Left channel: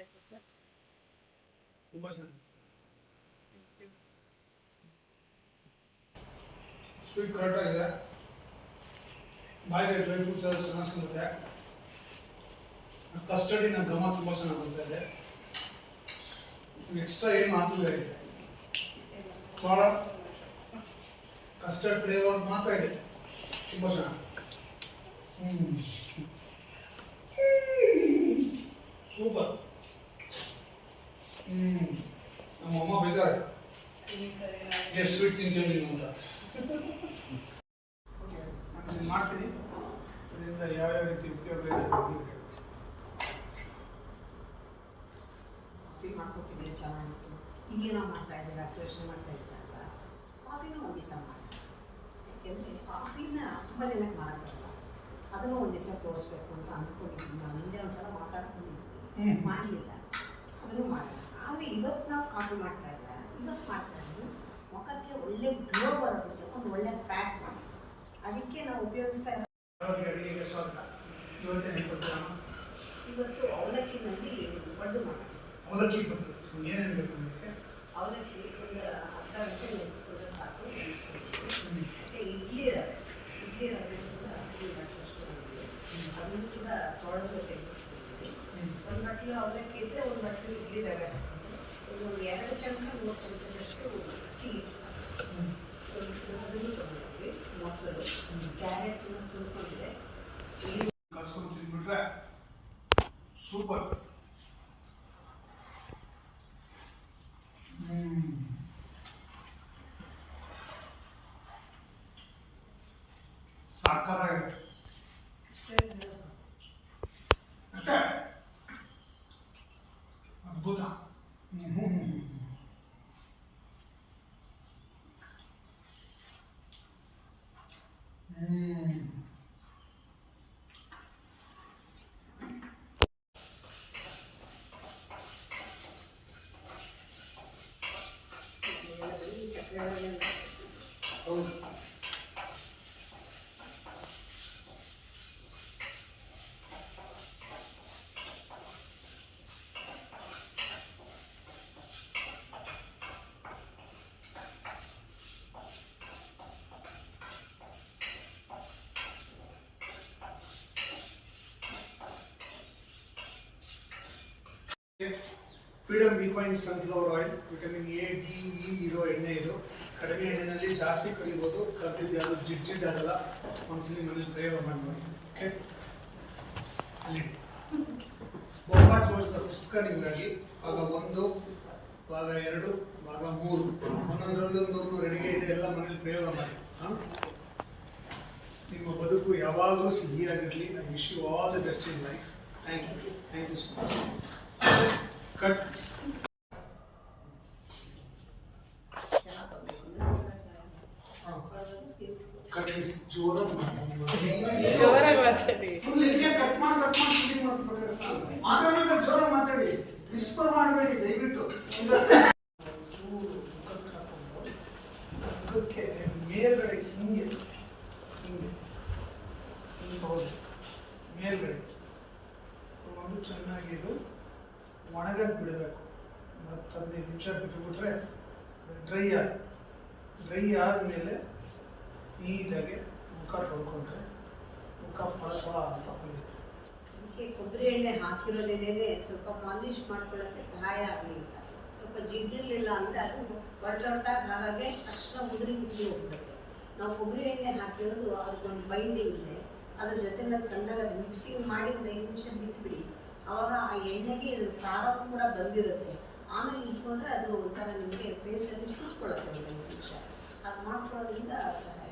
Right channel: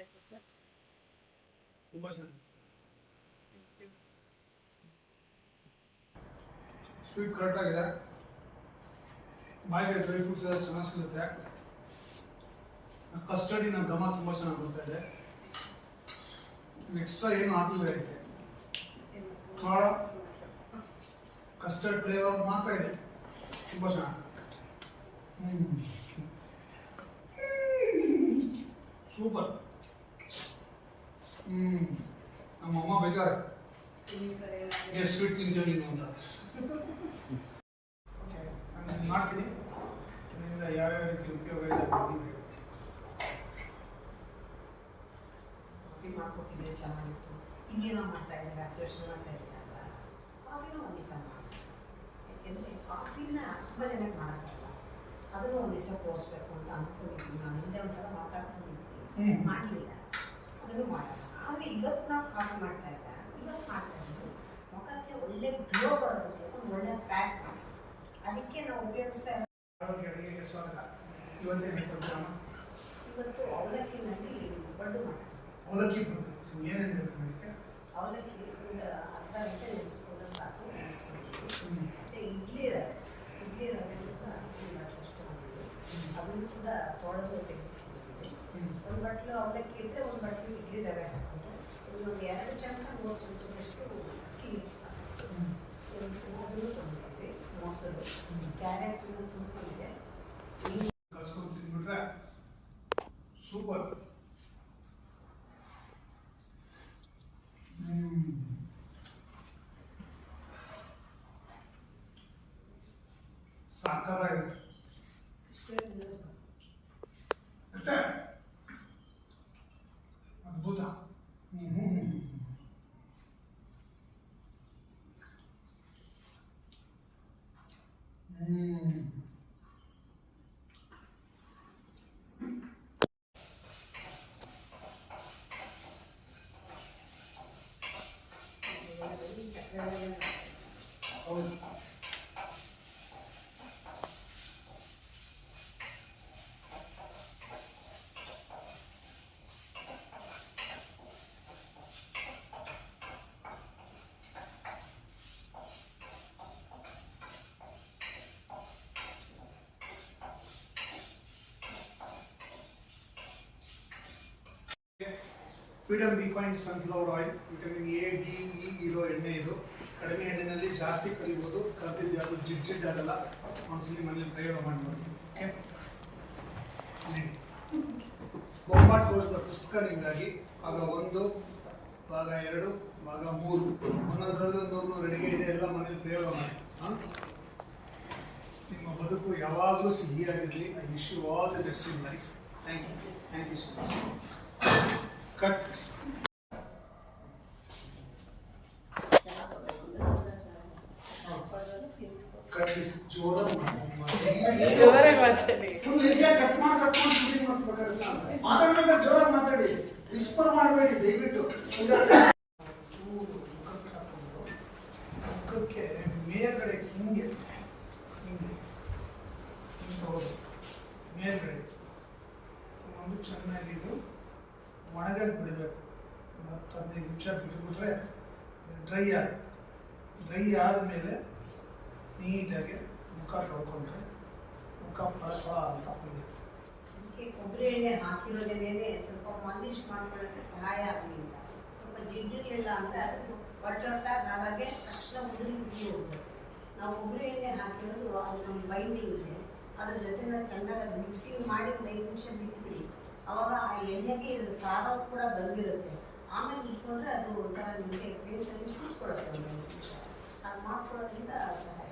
ಆಯ್ತು ಸರ್. ತುಂಬ ಚೆನ್ನಾಗಿ ಸ್ವೀಟ್ ಕರೆಕ್ಟಾಗಿದೆ. ಬಾಯಿಗೆ ಡ್ರೈ ಫ್ರೂಟ್ಸ್ ಎಲ್ಲ ಚೆನ್ನಾಗಿ ಸಿಗುತ್ತೆ. ಕಸ್ಟರ್ಡಿನ ಘಮ ತುಂಬ ಚೆನ್ನಾಗಿ ಬರ್ತಾ ಇದೆ. ಎಕ್ಸ್ಟ್ರಾ ಏನು ಹಾಕಿಲ್ಲ ಇದೆ. ಭಾಳ ಕಸ್ಟರ್ಡ್ ಫ್ಲೇವರ್ ಮಾತ್ರ ಇದೆ. ತುಂಬ ಚೆನ್ನಾಗಿ. ಸೂಪರ್. ನಮ್ಮಮ್ಮ ಬೈತಾರೆ ಎಷ್ಟು ಸ್ವೀಟ್ ತಿಂತೀವಿ ನೀನು ಅಂತ. ಓಕೆ, ನಾನು ಇದನ್ನು ಮಾಡ್ತೀನಿ. ಇದರಿಂದ ಯಾವ್ಯಾವ ರೀತಿ ಉಪಯೋಗ ಇದೆ ನೀವು ಹೇಳಿ. ಕಾಫಿ ಮಾಡ್ಕೊಟ್ಟಿದ್ರೆ ಚೆನ್ನಾಗಿತ್ತು. ಹಿಂಗೇನೋ ಮಾಡ್ತಾ ಇದ್ದಾರೆ, ಹತ್ತು ವರ್ಷ ಮಾಡ್ತಾ ಇದ್ದಾರಲ್ಲ, ಕಾಫಿನೂ ಒಂದು ದಿವಸ ಮಾಡಿ. ಯಾಕೆಂದರೆ ಕಾಫಿನ ತುಂಬ ಜನಕ್ಕೆ ಮಾಡೋಕ್ಕಲ್ಲ, ಅದನ್ನು ಒಂದು ದಿವಸ ತೋರಿಸ್ಬೇಕು ಅಂತ ಅಂದ್ಕೊಂಡಿದ್ವಿ. ನಾನು ಹಿಂದೆ ಒಂದು ಸಲ ಮಾತಾಡ್ಕೊಂಡಿದ್ವಿ, ಮಾಡಲಿಲ್ಲ. ಅದನ್ನು ಮಾಡೋಣ. ಆದರೆ ಇವತ್ತು ನಾವು ಕಾಫಿ ಮಾಡ್ತಾ ಇಲ್ಲ, ಇವತ್ತು ಮಾಡ್ತಾ ಇದ್ದು ಮುಖಕ್ಕೆ ಒಳ್ಳೆ ಗ್ಲೋ ಬರೋದಕ್ಕೆ ಒಂದು ಒಳ್ಳೆ ಪ್ಯಾಕ್ ಮಾಡಿ, ಅದಕ್ಕೆ ನಾವು ಉಪಯೋಗಿಸ್ತಾ ಇರೋದು. ಅಡುಗೆಗೆ ಸ್ವಾಗತ. ಇವತ್ತು ಅವಲಕ್ಕಿನಲ್ಲಿ ಪಡ್ಡು ಮಾಡೋಣ. ಅವಲಕ್ಕಿ ಪಡ್ಡು ಏನೇನು ಬೇಕು ಅದಕ್ಕೆ? ಅವಲಕ್ಕಿ ಒಂದು ಅರ್ಧ ಗಂಟೆ ನೆನೆಸ್ಕೊಂಡ್ರೆ ಸಾಕು. ನೆನೆಸ್ಕೊಂಡಿದ್ವಿ. ಮತ್ತು ಇಡ್ಲಿ ರವೆ ಕೂಡ ಅಕ್ಕಿ ಅಷ್ಟು ಮಾಡಿದ್ವಿ. ಅದನ್ನು ಕೂಡ ತೊಳೆದು ತೆಗೆದುಕೊಂಡಿದ್ವಿ. ಒಂದು ಬಟ್ಲು ಅವಲಕ್ಕಿ ಇದ್ದರೆ ಒಂದು ಬಟ್ಲು ಇಡ್ಲಿ ರವೆ ಹಾಕೊಂಡು ಒಂದು 2 ಚಮಚ 3 ಚಮಚದಷ್ಟು ಅಕ್ಕಿ ಅದನ್ನು ತೊಗೊಂಡಿದ್ವಿ. ಮೊಸರು, ಕ್ಯಾರೆಟನ್ನು ತುರ್ಕೊಂಡಿದೆ, ಕಲ್ಸ್ಕೊಂಡು ತಿಂದ್ಬಿಟ್ರೆ ಸೂಪರ್. ಸಾಕಾಗಿದೆ. ಅಷ್ಟೇ ಅದ್ಭುತ. ಹೌದು. Freedom refined sunflower oil, vitamin A, D, E ಇರೋ ಎಣ್ಣೆ ಇದು. ಕಡಿಮೆ ಎಣ್ಣೆಯಲ್ಲಿ ಜಾಸ್ತಿ ಕರಿಬೋದು. ಕರ್ದಿದ್ದು ಯಾವುದು ಜಿಡ್ ಆಗಲ್ಲ. ಒಂದ್ಸಲಿ ಮನೇಲಿ ಪ್ರಯೋಗ ಮಾಡಿ ನೋಡಿ. ಓಕೆ, ಅಲ್ಲಿ ಬೋಂಬಾಟ್ ಗೋಸ್ಕರ ಪುಸ್ತಕ ನಿಮಗಾಗಿ ಭಾಗ 1, ಭಾಗ 2, ಭಾಗ 3 ಒಂದೊಂದರಲ್ಲೊಂದೊಂದು ರೆಡಿಗೆ ಇದೆ. ಎಲ್ಲ ಮನೇಲಿ ಪ್ರಯೋಗ ಮಾಡಿ. ನಿಮ್ಮ ಬದುಕು ಯಾವಾಗಲೂ ಸಿಹಿಯಾಗಿರಲಿ. I wish you all the best in life. Thank you so much. Cut ಜೋರಾಗಿ ಮಾತಾಡಿ. ಮಾತಾಡ್ಬೇಕು, ಜೋರಾಗಿ ಮಾತಾಡಿ, ವಿಸ್ಪರ್ ಮಾಡಬೇಡಿ ದಯವಿಟ್ಟು. ಮುಖಕ್ಕೆ ಮೇಲ್ಗಡೆ ಹಿಂಗೆ ಹೌದು, ಮೇಲ್ಗಡೆ ತಗೊಂಡು ಚೆನ್ನಾಗಿ ಇದು ಒಣಗಕ್ಕೆ ಬಿಡಬೇಕು. ಒಂದು 10-15 ನಿಮಿಷ ಬಿಟ್ಬಿಟ್ರೆ ಅದು ಡ್ರೈ ಆದಮೇಲೆ ನೀಟಾಗಿ ಮುಖ ತೊಳ್ಕೊಂಡ್ರೆ ಮುಖ ಫಳ ಅಂತ ಹೊಲಿದೆ. ಅದಕ್ಕೆ ಕೊಬ್ಬರಿ ಎಣ್ಣೆ ಹಾಕಿರೋದೇನೇ ಸ್ವಲ್ಪ ಮಾಲಿಶ್ ಮಾಡ್ಕೊಳ್ಳೋಕ್ಕೆ ಸಹಾಯ ಆಗಲಿಲ್ಲ. ಸ್ವಲ್ಪ ಜಿಡ್ಡಿರಲಿಲ್ಲ ಅಂದರೆ ಅದು ಹೊರಟಾಗ ಹಾಗೆ ತಕ್ಷಣ ಉದುರಿ ಹೋಗ್ಬೇಕು. ನಾವು ಕೊಬ್ಬರಿ ಎಣ್ಣೆ ಹಾಕಿರೋದು ಅದೊಂದು ಬೈಂಡಿಂಗ್ ಇದೆ, ಅದ್ರ ಜೊತೆ ಚೆನ್ನಾಗಿ ಅದು ಮಿಕ್ಸಿಂಗ್ ಮಾಡಿ 5 ನಿಮಿಷ ಬಿಟ್ಬಿಡಿ. ಆವಾಗ ಆ ಎಣ್ಣೆಗೆ ಇದ್ರ ಸಾರವು ಕೂಡ ಬಂದಿರುತ್ತೆ. ಆಮೇಲೆ ಇಟ್ಕೊಂಡ್ರೆ ಅದು ಒಂಥರ ನಿಮಗೆ ಫೇಸಲ್ಲಿ ಕೂತ್ಕೊಳ್ಳುತ್ತೆ 5 ನಿಮಿಷ. ಅದು ಮಾಡ್ಕೊಳ್ಳೋದ್ರಿಂದ ಸಹಾಯ.